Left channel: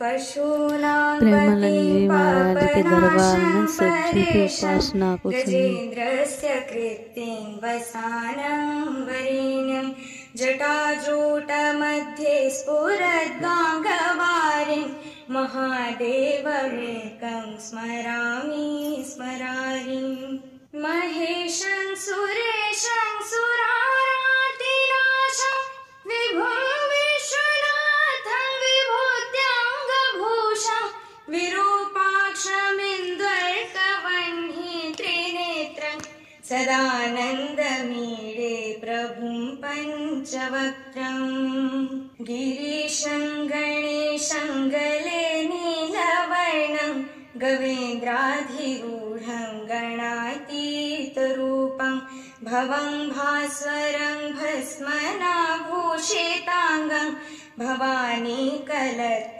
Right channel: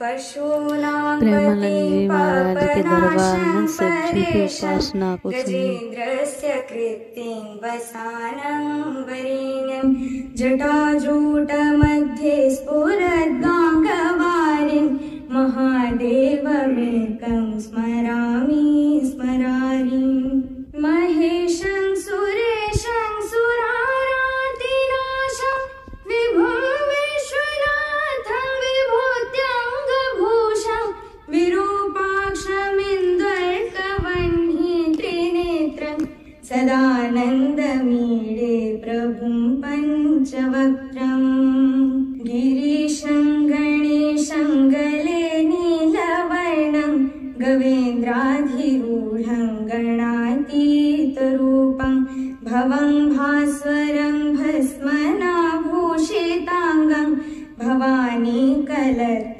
प्रेमानंद जी महाराज के दरबार में सज्जन की उपासना को गजेन्द्रस्य कृत्तिं वसानं वरेण्यं जटाजूटमध्ये स्फुरद्गाङ्गवारिं महादेवमेकं स्मरामि स्मरारिं महेशं सुरेशं सुरारातिनाशं विभुं विश्वनाथं विभूत्याङ्गभूषं विरूपाक्षमिन्दर्कवह्नि त्रिनेत्रं सदानन्दमीडे प्रभुं पञ्चवक्त्रं गिरीशं गणेशं गले नीलवर्णं गवेन्द्राधिरूढं गणातीतरूपं भवं भास्वरं भस्मनाभूषिताङ्गं भवानी कलत्